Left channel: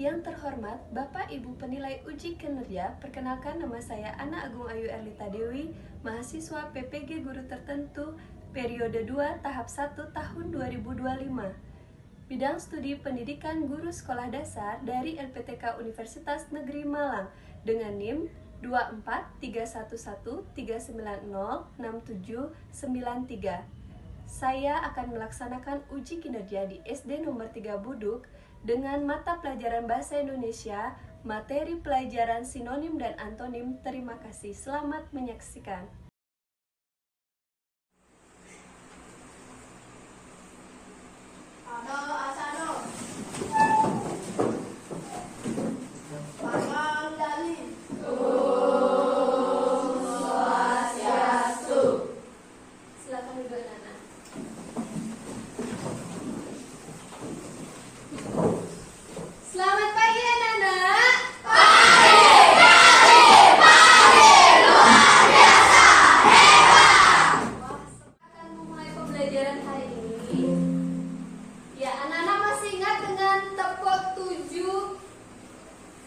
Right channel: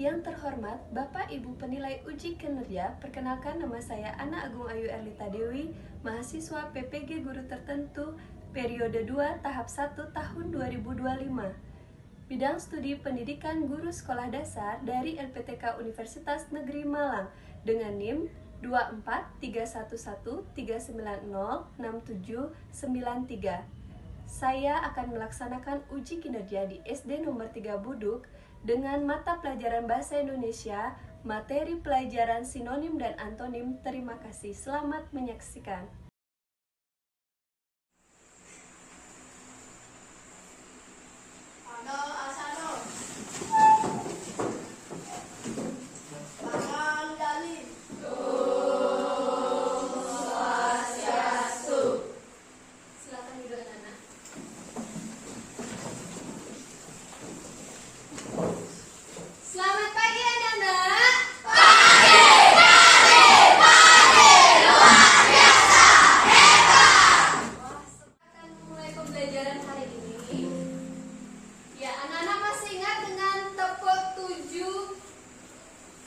Yang terhormat Bapak Ibu Penilai Uji Kinerja, perkenalkan nama saya Ana Agung Ayu Erlita Dewi, mahasiswa PPG Guru Tertentu periode 2 tahap 1 tahun 2025. Bidang studi pendidikan guru sekolah dasar dari LPTK Universitas Negeri Malang dengan NIM 2431139067793. Saya akan melaksanakan uji kinerja di SD nomor 3 Buduk dengan mata pelajaran Bahasa Indonesia, materi pelajaran sinonim dan antonim. Terima kasih. Selamat menyaksikan.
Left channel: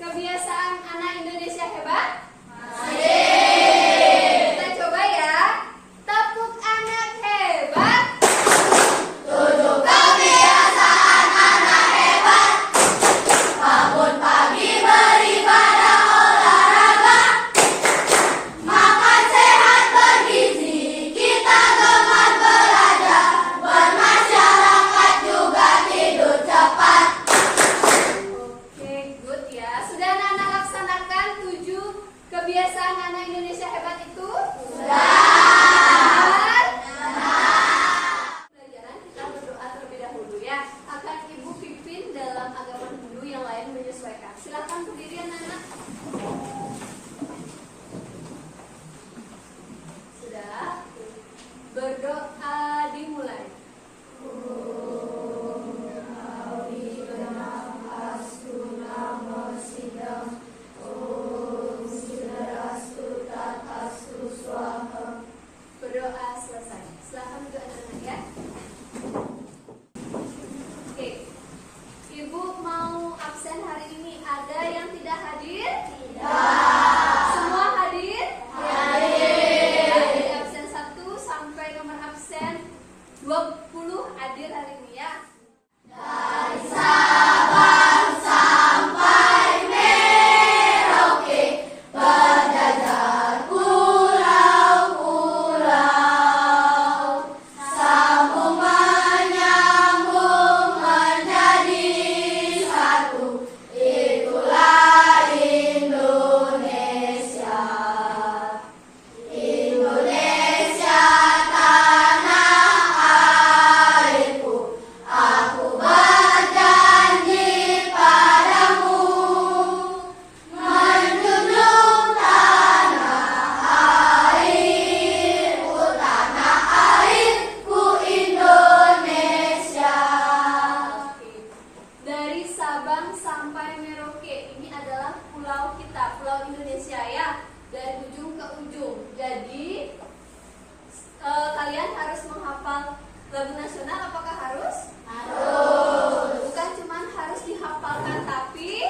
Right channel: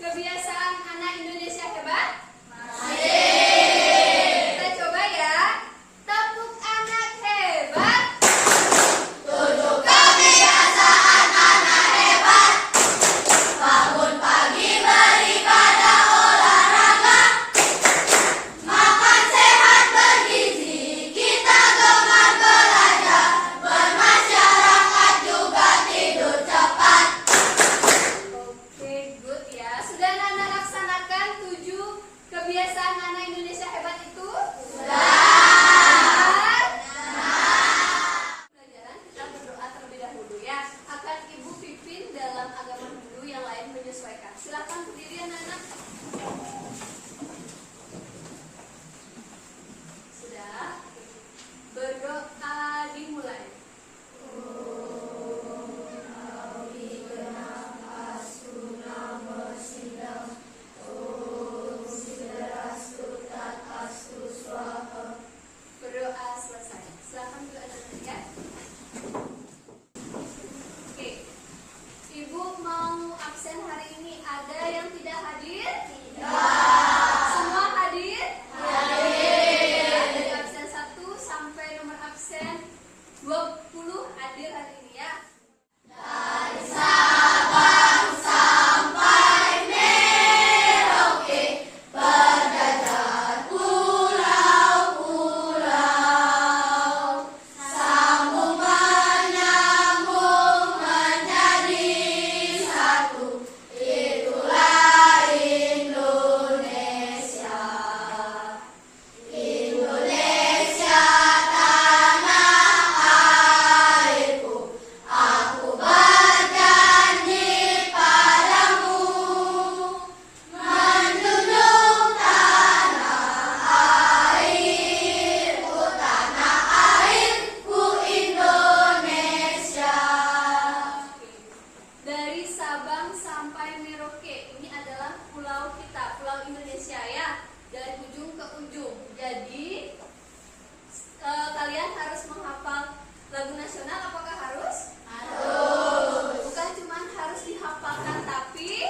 Kebiasaan anak Indonesia hebat? Masih. Kita coba ya. Tepuk anak hebat. 7 kebiasaan anak hebat. Bangun pagi beribadah olahraga. Makan sehat bergizi. Kita gemar belajar. Bermasyarakat juga tidur cepat. Oke, good ya. Sudah Nana laksanakan 7 kebiasaan anak Indonesia hebat itu? Sudah. Pelajaran kita berdoa terlebih dahulu ya. Akan Ibu pimpin dalam agama Hindu yang lain menyesuaikan. Silakan berdiri anak-anak. Sudah. Berdoa dimulai. Berdoa selesai. Silakan juga anak-anak ya. Oke. Ibu mau absen hari ini. Ada yang tidak hadir? Tidak. Semua hadir? Hadir. Dari absen 1 sampai nomor absen 20 hadir hari ini ya. Dari Sabang sampai Merauke, berjajar pulau-pulau, sambung menyambung menjadi satu. Itulah Indonesia. Indonesia tanah airku. Aku berjanji padamu, menjunjung tanah airku Indonesia. Dari Sabang sampai Merauke, ini adalah pulau kita, pulau Indonesia ya, dari ujung ke ujung. Jadi kalian harus menghafal lagu nasional. Apakah harus? Harus. Bukan cuma harus dihafalkan, tapi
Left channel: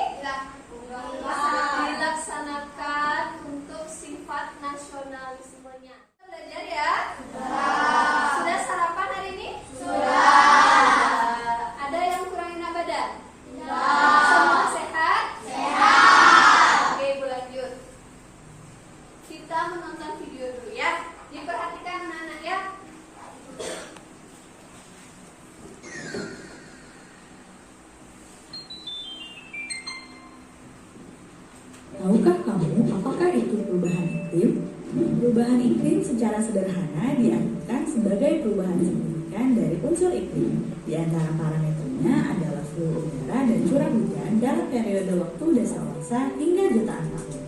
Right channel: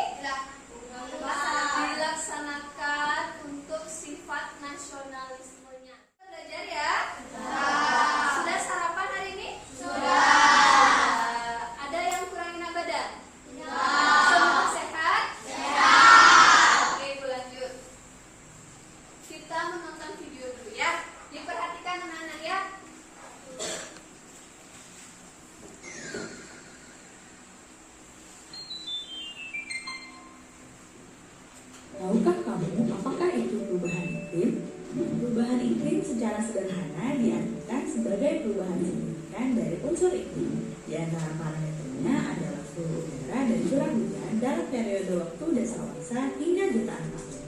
dilaksanakan untuk sifat nasionalismenya. Kita belajar ya. Sudah sarapan hari ini? Sudah. Ada yang kurangin badan? Semua sehat? Sehat. Oke, Ibu lanjut. Kita menonton video dulu ya. Diperhatikan anak-anak ya. Tahukah kamu apakah itu perubahan iklim? Perubahan iklim secara sederhana diartikan sebagai perubahan signifikan dari unsur iklim. Di antara parameternya adalah suhu udara dan curah hujan dalam periode waktu dasawarsa hingga jutaan tahun.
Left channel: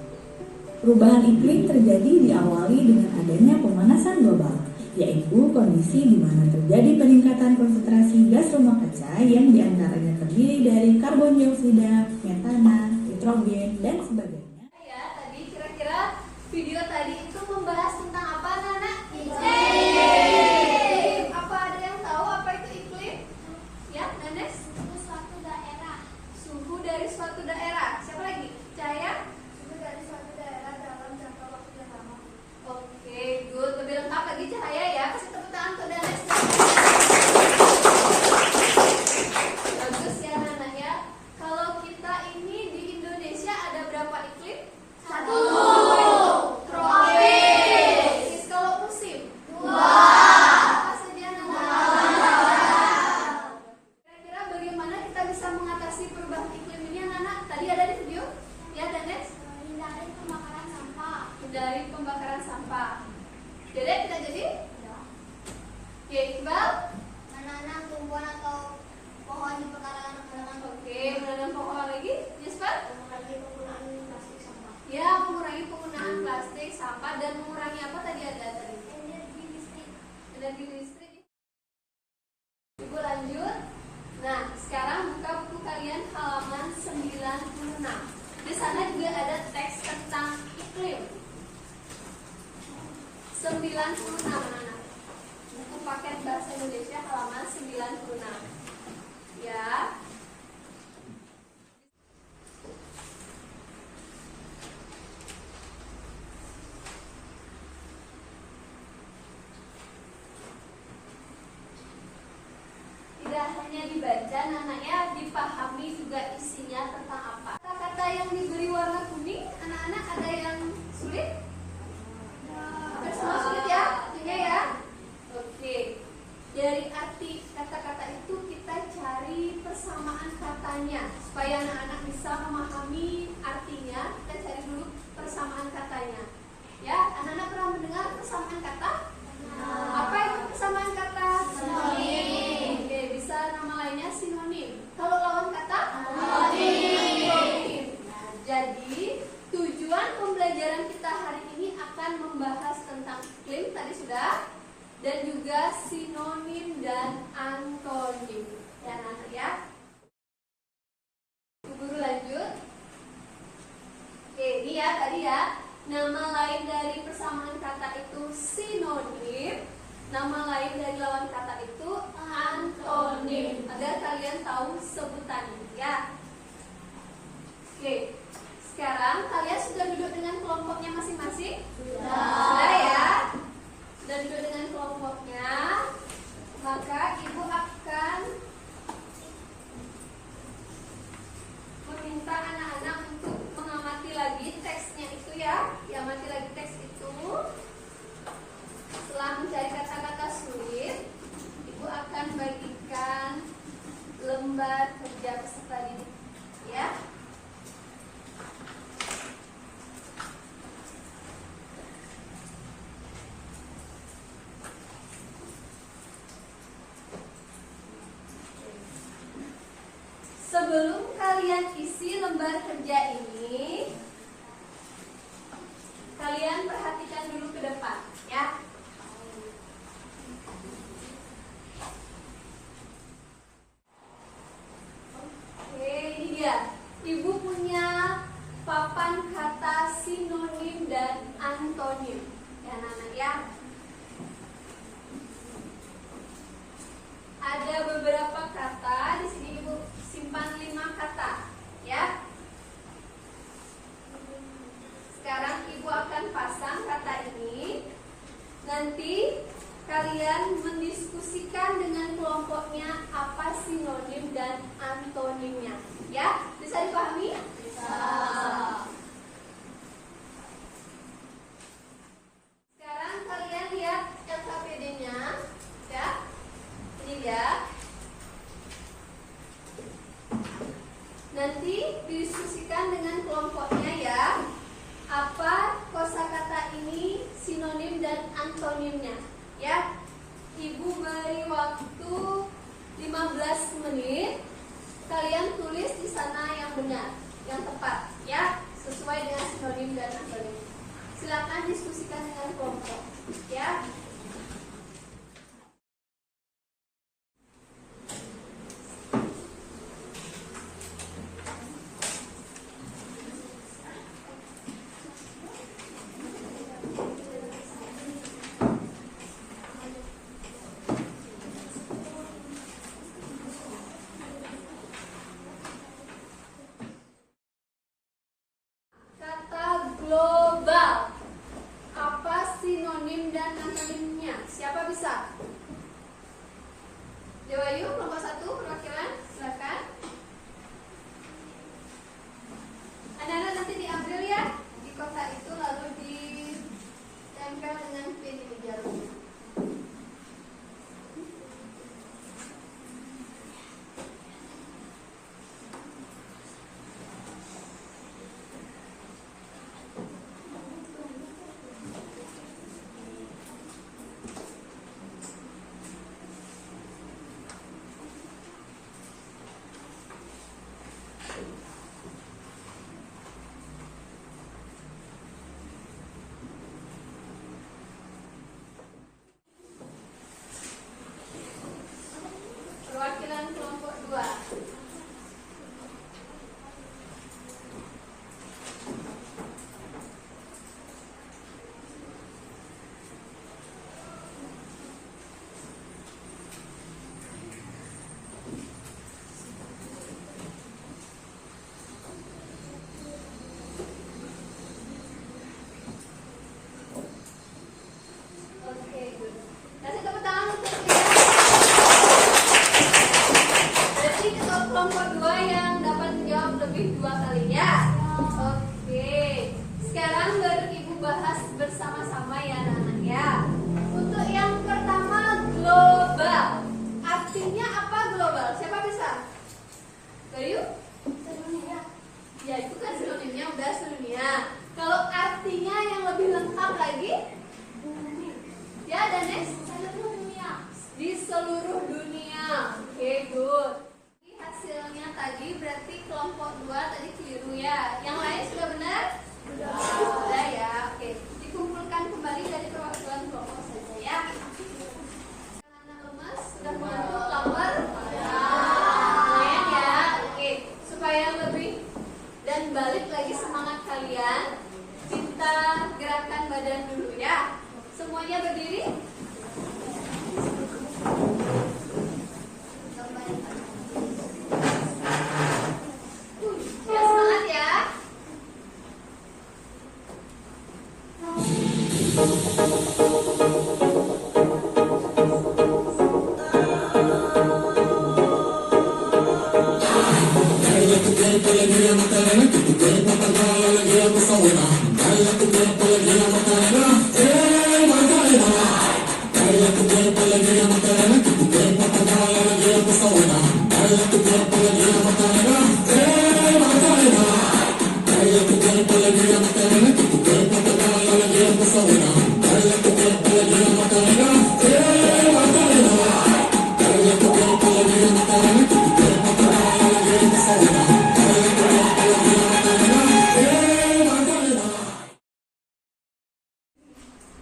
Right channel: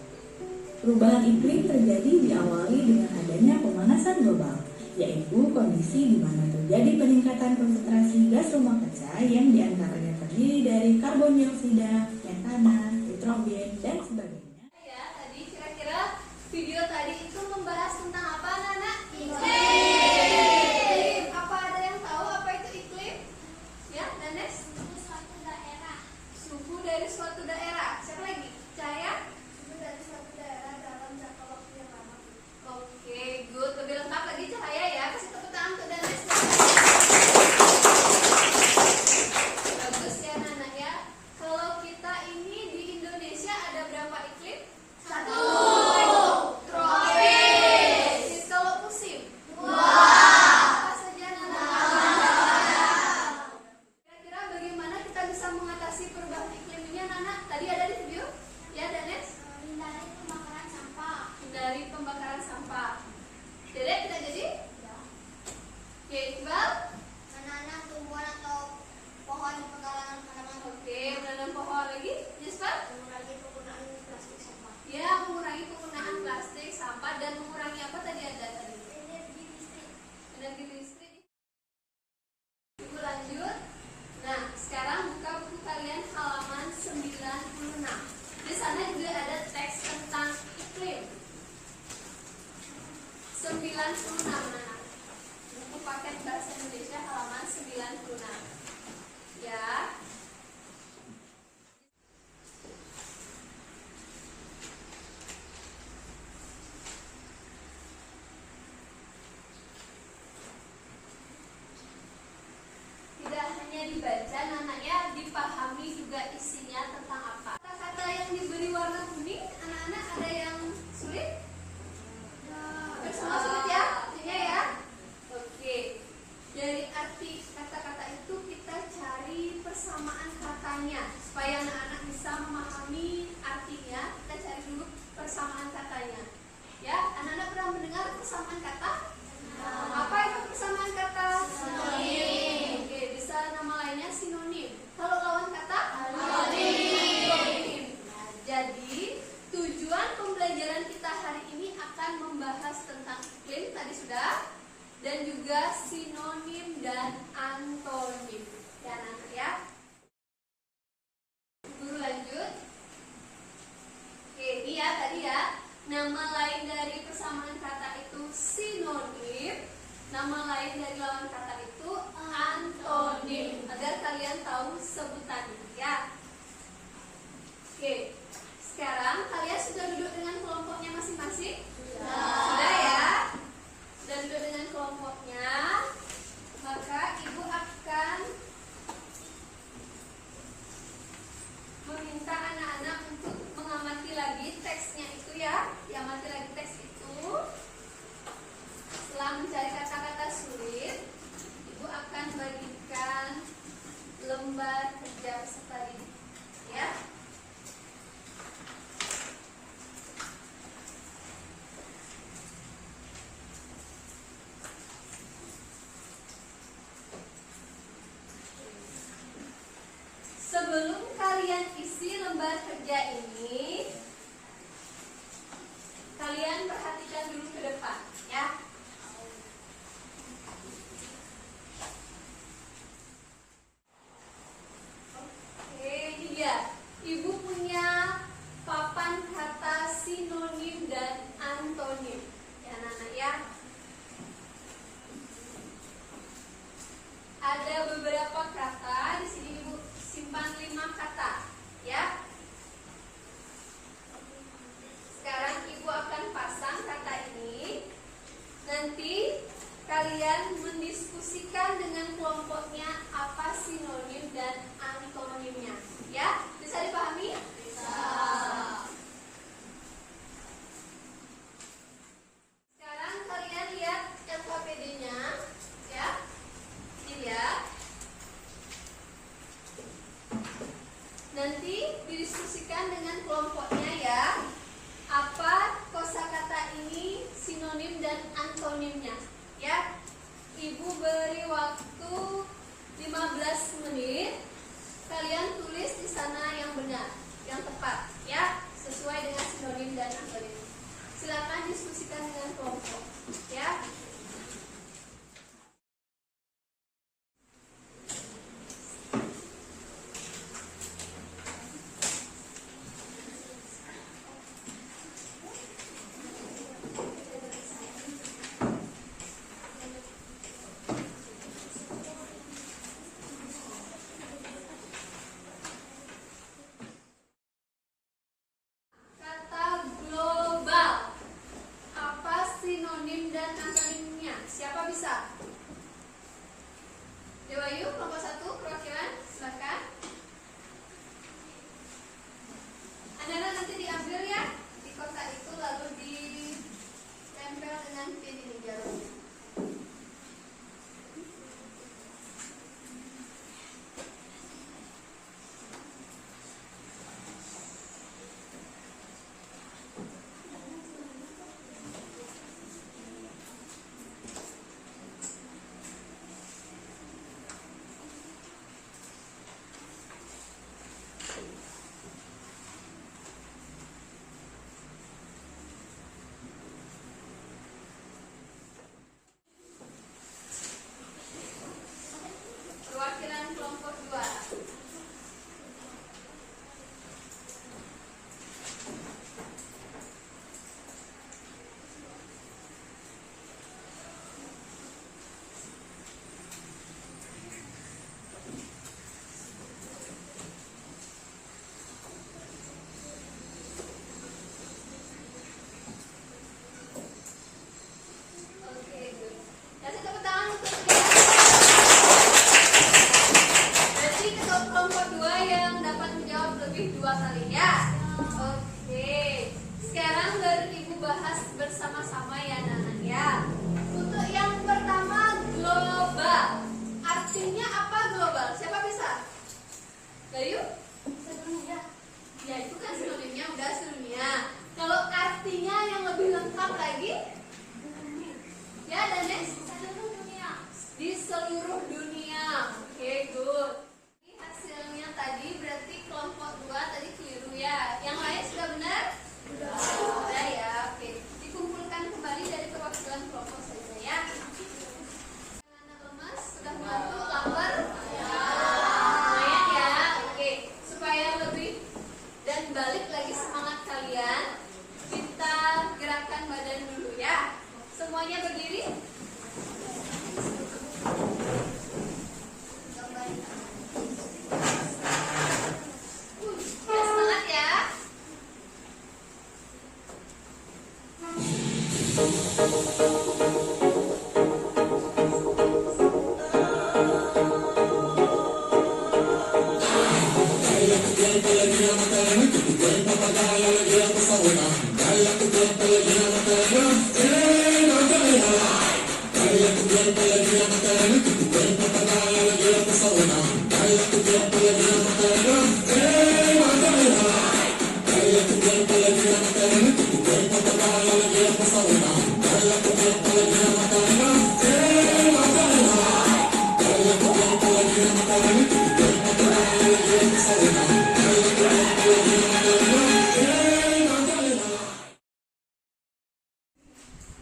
Perubahan iklim terjadi diawali dengan adanya pemanasan global, yaitu kondisi di mana terjadi peningkatan konsentrasi gas rumah kaca yang diantaranya terdiri dari karbon dioksida, metana, nitrogen, dan sebagainya. Ya, tadi kira-kira video tadi itu membahas tentang apa, Nana? Iklim. Apa ada yang tahu apa itu iklim? Ya, Nanes? Suatu daerah. Suhu dari suatu daerah. tinggal Menanam tumbuhan atau pohon di pekarangan halaman. oke, menanam pohon lagi. Jasper? Mengurangi penggunaan plastik sampah. Ya, mengurangi penggunaan plastik, sampah, dan mengurangi apa tadi ada tadi? Energi listrik. Energi listrik. Ibu lanjut. Nah, sekarang buka buku kalian halaman 96. Di sana juga ada teks tentang iklim. 96 anak. Buku paket bahasa Indonesia halaman 96. Ya. Tidak hanya dibaca, anaknya dipahami juga isinya tentang apa. Kata-kata yang diberi warna kuning, anak-anak ada yang sulit? Hampir semua sulit ya, artinya ya. Oke. Dari arti kata-kata itu kita cari persamaan katanya supaya anak-anak bisa memahami artinya. Kita cari dulu persamaan katanya. Ya, anak-anak pernah mendengar persamaan kata? Apa itu persamaan kata? Sinonim. Oke, bisa nama lainnya sinonim. Kalau lawan kata? Antonim. Nah, jadi tujuan pembelajaran kita hari ini akan membahas tentang iklim tadi sudah, dan juga sinonim dan antonim. Ya, anak ya. Guru lanjut. Oke, ini ya tadi ya. Nama lain dari persamaan kata itu sinonim. Nama lain dari lawan kata itu antonim. Agar kalian tahu sebutannya ya. Oke. Sekarang kalian sudah duduk dengan kelompoknya masing-masing? Sudah ya. Sudah duduk dengan kelompoknya. Maka ibu akan meminta anak-anak untuk mengamati lagi teksnya itu ya. Amati lagi teks itu. Setelah mencari kata-kata sulit, ibu akan bagikan lembar kerja peserta didik ya. Sebelum kalian isi lembar kerja ini, kalian perhatikan dulu ke depan ya. Oke, ini dia. Ibu punya papan kata sinonim dan antonim. Ya, anak-anak ya. Ada beberapa kata di sini ibu simpan 5 kata ya. Sekarang ibu akan pasang kata ini. Nanti kalian mendiskusikan dengan kelompoknya apa sinonim dan antonimnya. Ya, bisa dipahami? Bisa. Sekarang kalian lihat LKPD-nya, ya. Ini dia. Nanti didiskusikan dengan kelompoknya ya. Apa kosakata ini sinonim dan antonimnya ya. Ibu beri waktu 15 menit. Kalian tulis di sana yang benar, yang tepat ya, sesuai dengan sinonim dan antonim. Silakan diskusikan dengan kelompok ya. Kata global. Apa sinonim dan antonim Oke, sekarang baru Ibu bahas bersama-sama ya anak-anak ya. Untuk yang pertama global. Artinya apa global? Siapa bisa? Bayu? Sedunia. Ya itu kan sinonimnya udah sedunia. Kalau artinya yang lebih lengkap lagi? Ya Danes? Seluruh dunia. Di seluruh dunia. Oke, good. Ini hasilnya tadi berarti kelompok 2 tadi keliru ya. Yang lain sudah benar? Sudah ya. Oke. Dikumpulkan kembali dari perwakilan kelompok saja ya. Anak lemas sudah mengantuk, lapar? Lumayan ya. Oke. Supaya lebih dan balik lagi semangat kalian, kita gerakan badan dulu ya. Semuanya berdiri. Ya, semangat ya.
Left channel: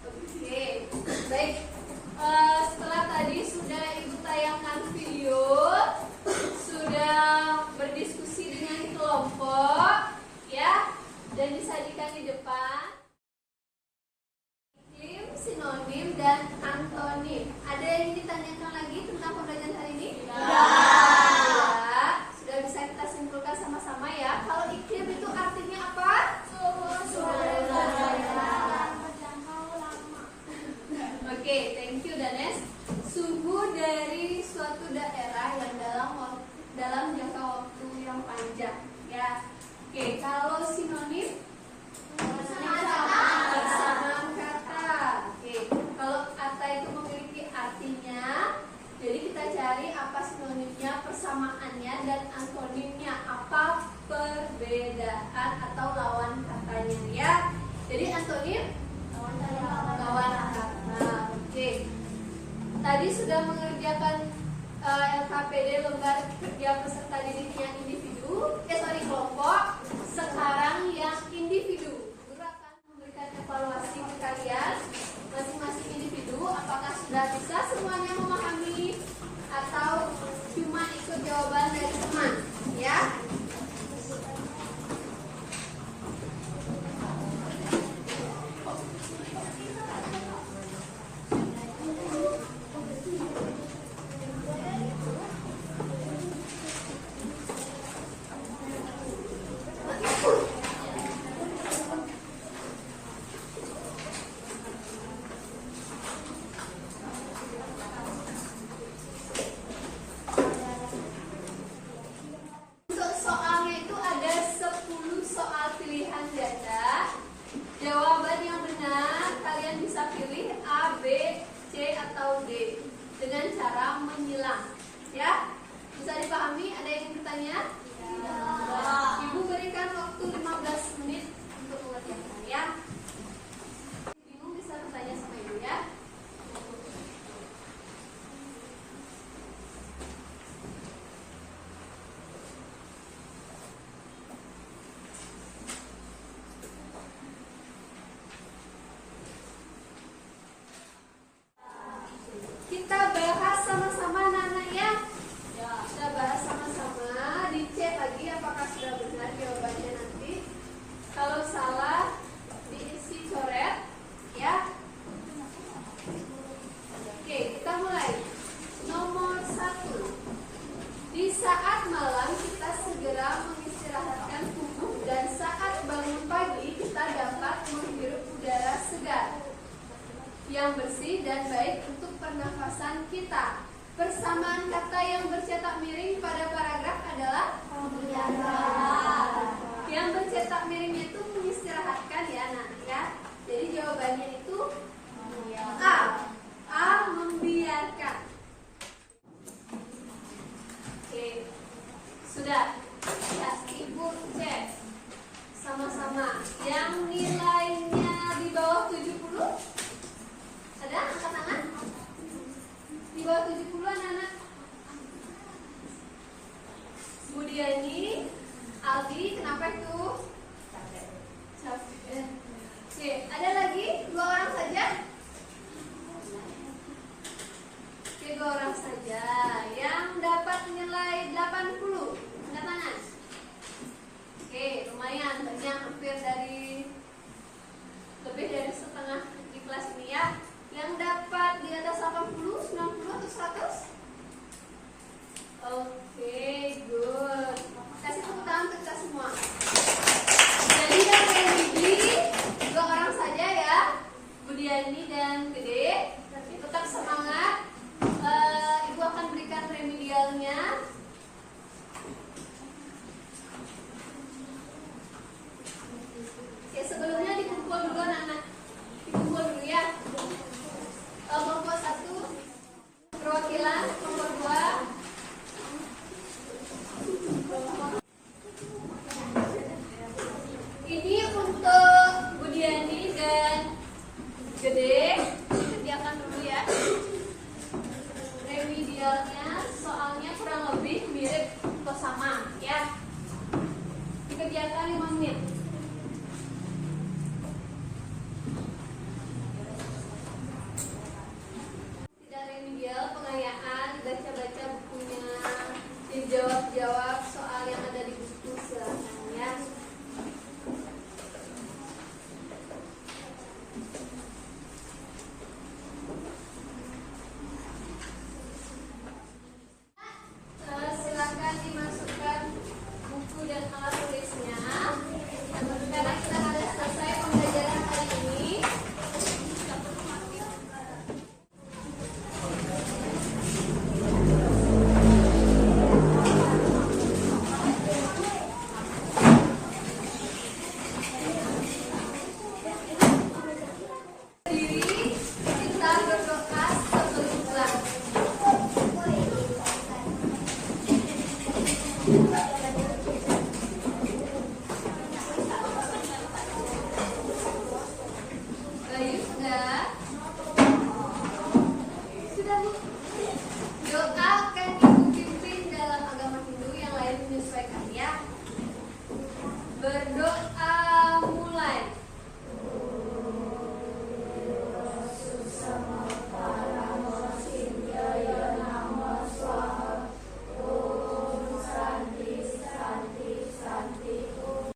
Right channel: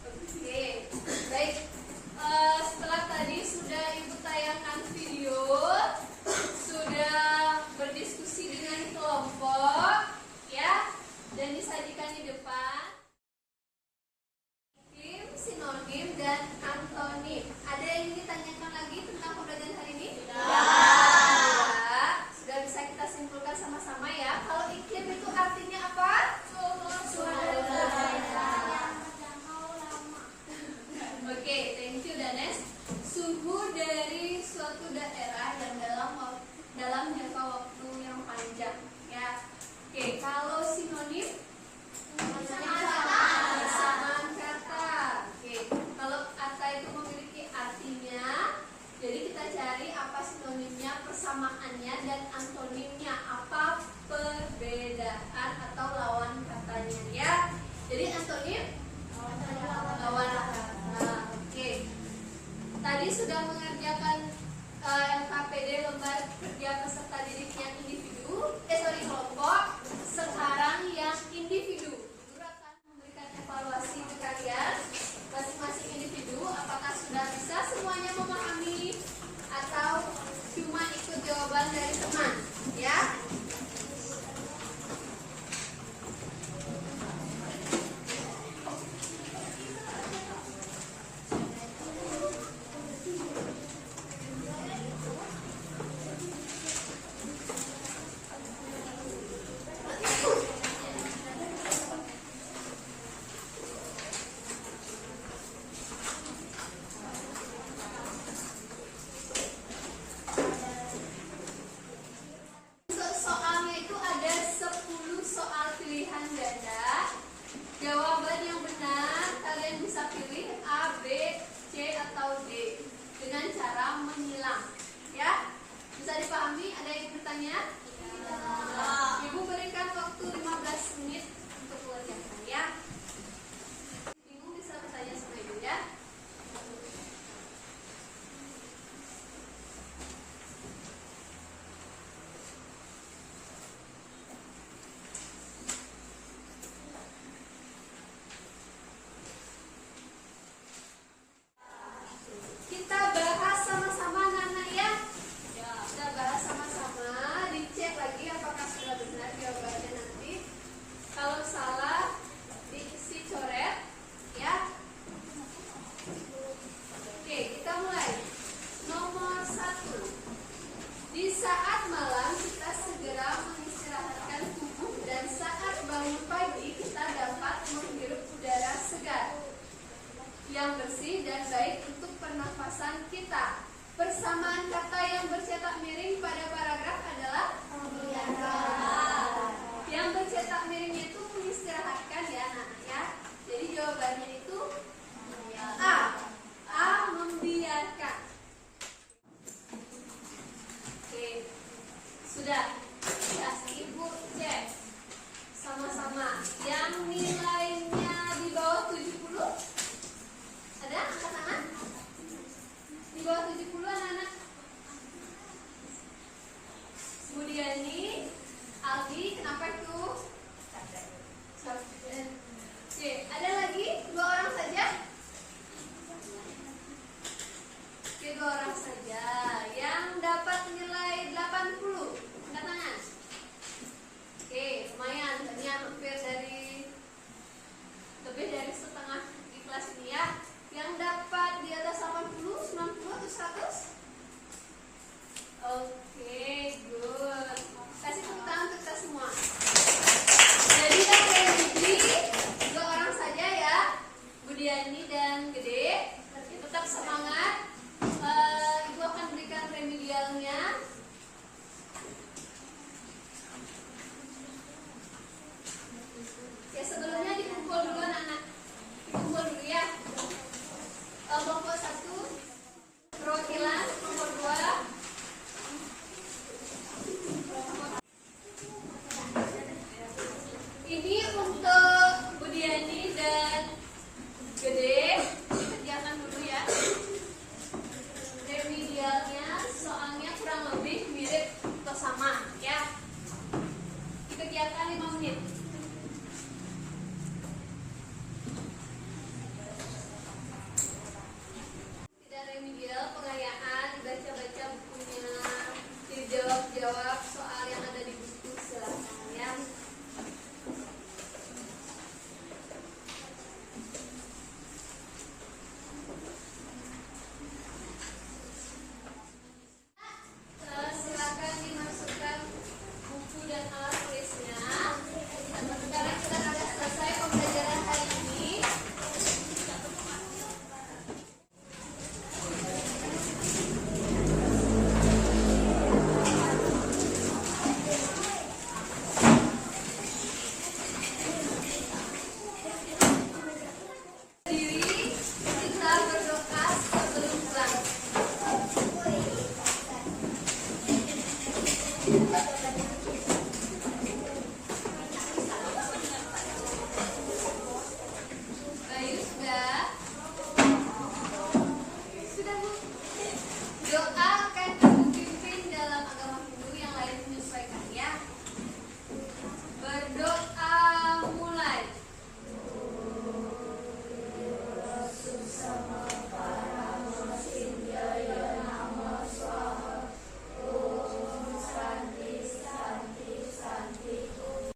Oke, baik. Setelah tadi sudah Ibu tayangkan video, sudah berdiskusi dengan kelompok, ya, dan disajikan di depan. Iklim, sinonim, dan antonim. Ada yang ditanyakan lagi tentang pembelajaran hari ini? Tidak. Sudah bisa kita simpulkan sama-sama ya. Kalau iklim itu artinya apa? Oke, thank you Danes. Suhu dari suatu daerah yang dalam jangka waktu yang panjang, ya. Oke, kalau sinonim persamaan kata. Oke, kalau kata itu memiliki artinya, jadi kita cari apa sinonimnya, persamaannya, dan antonimnya, apa perbedaan atau lawan katanya, ya. Jadi antonim lawan kata. Oke. Tadi sudah mengerjakan LKPD lembar kerja peserta didik yang kelompok. Sekarang yang individu. Guru akan memberikan evaluasi ke kalian masing-masing individu. Apakah sudah bisa semuanya memahami atau cuma ikut jawaban dari teman, ya? Untuk soalnya itu ada 10 soal pilihan ganda. Jawaban yang benar kalian bisa pilih A, B, C, atau D dengan cara menyilang, ya. Bisa dipahami? Ada yang bertanya? Ibu berikan waktu 15 menit untuk mengerjakan, ya. Bingung bisa bertanya sama ibu, ya. Kita bahas sama-sama anak-anak ya. Kita bahas sama-sama, dicek lagi apakah sudah benar jawabannya nanti. Kalau salah diisi coret, ya. Oke, kita mulai. Nomor 1. Di saat malam kita segera mengistirahatkan tubuh dan saat bangun pagi kita dapat menghirup udara segar yang bersih dan baik untuk pernafasan kita. Persamaan kata yang bercetak miring pada paragraf adalah Oke, Yang bercetak miringnya itu mengistirahatkan ya anak-anak ya. Jadi jawabannya itu A membiarkan. Oke, sudah. Ya, Ibu cek sama-sama. Yang nilainya di bawah 70, ada angkat tangan? Di bawah 70 anak-anak. Bu Diani, Aldi, kenapa itu? Capek. Oke, ada lagi 2 orang saja? Oke, 2 orang saja. Yang dapat nilai 80, angkat tangan. Oke, lumayan, banyak, hampir lebih dari setengah di kelas ini ya. Yang dapat di atas 80, 90 atau 100? Oke, good. Kasih tepuk tangan untuk kita semua. Jadi yang Remedi 2 orang saja ya, Budiani dan Gede. Tetap semangat. Ibu akan berikan remedialnya. Ya, sebelumnya dikumpul dulu anak-anak. Dikumpul dulu ya. Kelompok 1 perwakilan, kelompok 2 ini untuk Budiani dan Gede. Kerjakan dulu ya. Remedialnya soalnya kurang lebih mirip atau sama ya. Dikerjakan 5 menit.